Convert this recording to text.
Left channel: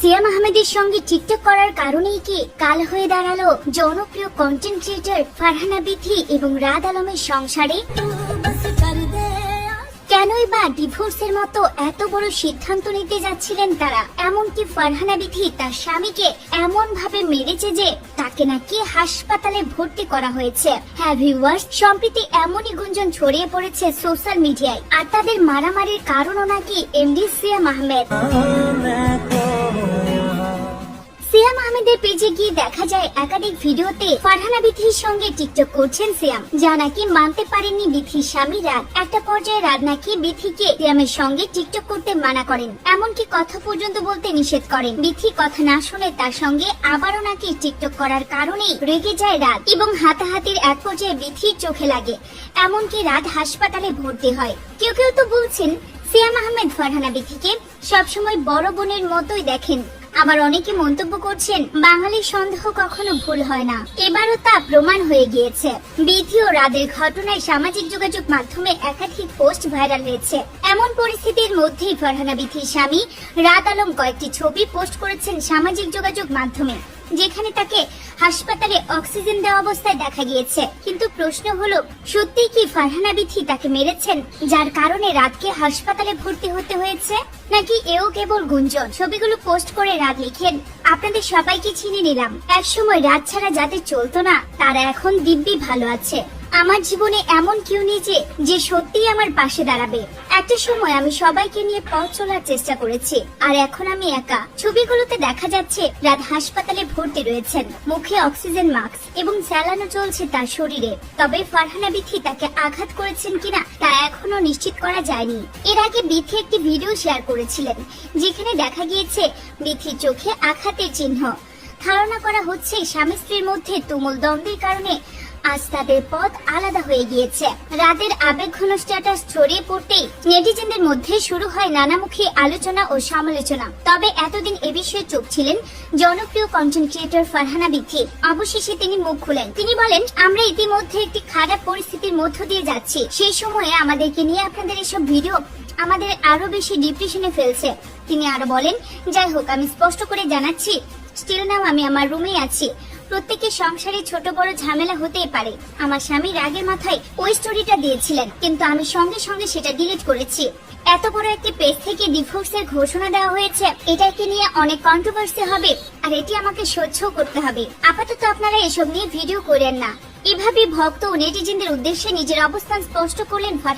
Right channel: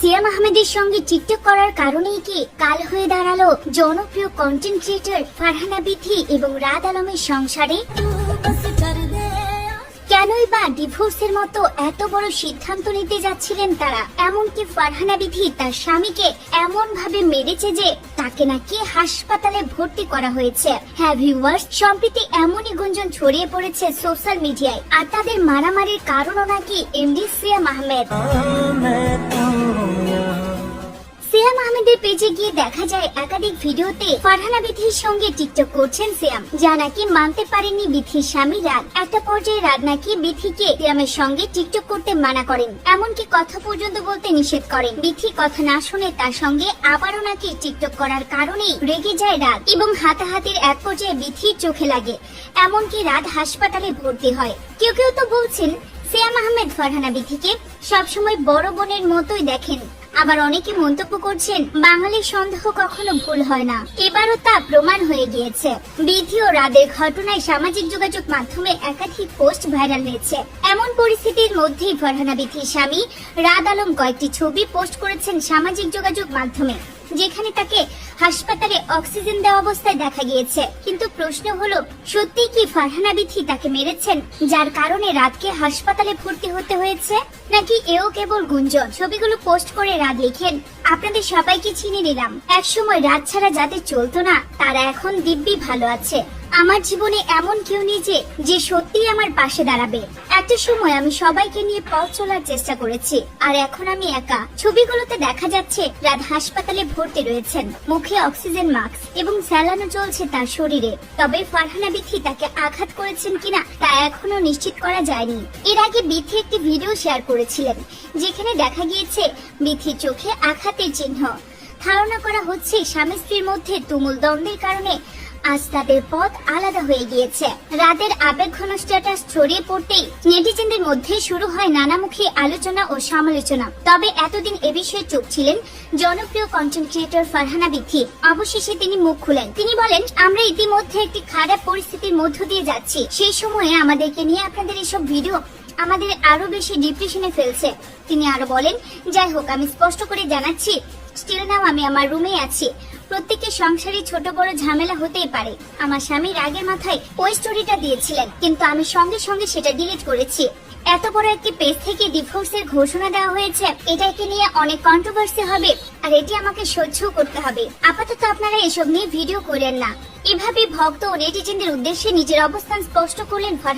সিয়াম আহমেদের সঙ্গে টিকটক করার কারণেই কি কাল হয়ে দাঁড়াল জনপ্রিয় কন্টেন্ট ক্রিয়েটর ফারহানা বিথি এবং রাত আলমের সংসারে? কেনই বা ডিভোর্সের মতো এত বড় সিদ্ধান্ত নিতে যাচ্ছিলেন তারা? এমনকি ফারহানা বিথি তার স্বামীকে এমন ভাবে মেরেছে যে তাকে নাকি হাসপাতালে ভর্তি করা হয়েছে। হ্যাঁ ভিউয়ার্স সম্প্রতি এমনই গুঞ্জন ছড়িয়ে পড়েছে সোশ্যাল মিডিয়ায় আর তাদের মারামারির কারণও নাকি এমডি সিয়াম আহমেদ পেজে গিয়ে দেখা যায় একাধিক ভিডিওতে ফারহানা বিথির সঙ্গে টিকটক করছেন সিয়াম যা নাকি মানতে পারেননি বিথির স্বামী রাত একটা পর্যায়ে রাত নাকি বিথিকে সিয়ামের সঙ্গে টিকটক করতে মানা করেন। এমনকি কথা পর্যন্ত বলতে নিষেধ করেন। বিথি কথা না শুনে তার সঙ্গে আবারও নাকি টিকটক করার কারণেই রেগে যায় রাত এবং হাতাহাতির এক পর্যায়ে বিথির চোখে লাগে। এমনকি রাত হাসপাতালে ভর্তি হয়। কেউ কেউ তো বলছেন সিয়াম আহমেদ ফারহানা বিথিকে সবসময় বড় বোনের মতোই দেখেন। আবার অনেকে মন্তব্য করছেন, বাঙালির সন্দেহ কখনো ভুল হয় না। এবারও তা প্রমাণ হয়ে গিয়েছে। বিধি ও রাদের ঘটনায় সামাজিক যোগাযোগ মাধ্যমে একাধিক পোস্ট ভাইরাল হয়েছে। এমন পরিস্থিতির মধ্যেই ফরহানা বিধির স্বামী রাদ আলম কয়েকটি ছবি পোস্ট করেছেন সামাজিক যোগাযোগ মাধ্যমে। যেখানে তাকে হাসপাতালে অক্সিজেন দেওয়া অবস্থায় দেখা গিয়েছে। কিন্তু প্রশ্ন হলো সত্যি কি ফারহানা বিথি তাকে মেরেছেন, যার কারণে রাতকে হাসপাতালে ভর্তি হতে হয়েছে? নাকি এও কেবল গুঞ্জন? ছবিগুলো পোস্ট করে রাত লিখেন। আপনাদের সবাইকে চিনে নিলাম এক সময় রাত ছাড়া যাদের চলতো না, তারা এখন দিব্যি ভালো আছে। আমার জীবনে এমন কেউ নেই যে যে সত্যিই আমার পাশে দাঁড়াবে। একটা সময় আমি সবাইকে নিয়ে পথ চলার চেষ্টা করেছি, আর এখন আমি একা। ছবিগুলোতে দেখা যাচ্ছে, রাত হাসপাতালে ভর্তি রয়েছেন, মুখে অক্সিজেন মাস্ক এবং চালানো চলছে তার শরীরে। তবে ফারহানা বিথি তাকে আঘাত করেছেন কিনা, তা এখনও নিশ্চিত করা যায়নি। এর আগে বিথি একটি ভিডিও শেয়ার করেছিলেন, যেখানে দেখা গিয়েছে বিথির চোখে আঘাতের চিহ্ন। ধারণা করা হচ্ছে, স্বামী স্ত্রীর মধ্যে তুমুল দ্বন্দ্বের কারণে আজ তাদের পথ আলাদা হয়ে গিয়েছে। রাতের আবেগঘন স্ট্যাটাস ছড়িয়ে পড়তেই নেটিজেনদের মধ্যে শুরু হয় নানামুখী আলোচনা ও সমালোচনা। তবে এতদিন এ বিষয়ে চুপ ছিলেন জনপ্রিয় কন্টেন্ট ক্রিয়েটর ফারহানা বিথি। অবশেষে তিনি মুখ খুলেন। তিনি বলেন, আমরা ইতিমধ্যে একটি খারাপ পরিস্থিতির মধ্য দিয়ে যাচ্ছি। সেই সময়ে আমাদেরকে নিয়ে আপনাদের এসব ভিডিও আমাদের আরও বেশি ডিপ্রেশনে ফেলছে। তিনি আরও বলেন, যাই হোক, আমি স্পষ্ট করে জানাচ্ছি স্টিল নাও আমি আমার রুমে আছি। প্রত্যেকের সংসারে ছোট বড় ঝামেলা হতেই পারে। আমার স্বামী রাগের মাথায় ওই স্টোরিটা দিয়েছিলেন, কিন্তু আমি সঙ্গে সঙ্গে সেটা ডিলিট করেছি। এত বড় একটি পেজ থেকে ডিভোর্সের ঘোষণা দেওয়া হয়েছে এটাকে নিয়ে অনেক কন্ট্রোভার্সি হবে, আর এটি আমাকে সহ্য করতে হবে। আপাতত আপনারা এসব নিয়ে ভিডিও করেন না। এভাবে ভক্ত ও নেটিজেনদের উদ্দেশ্যে নিজের অবস্থান স্পষ্ট করলেন ফারহান।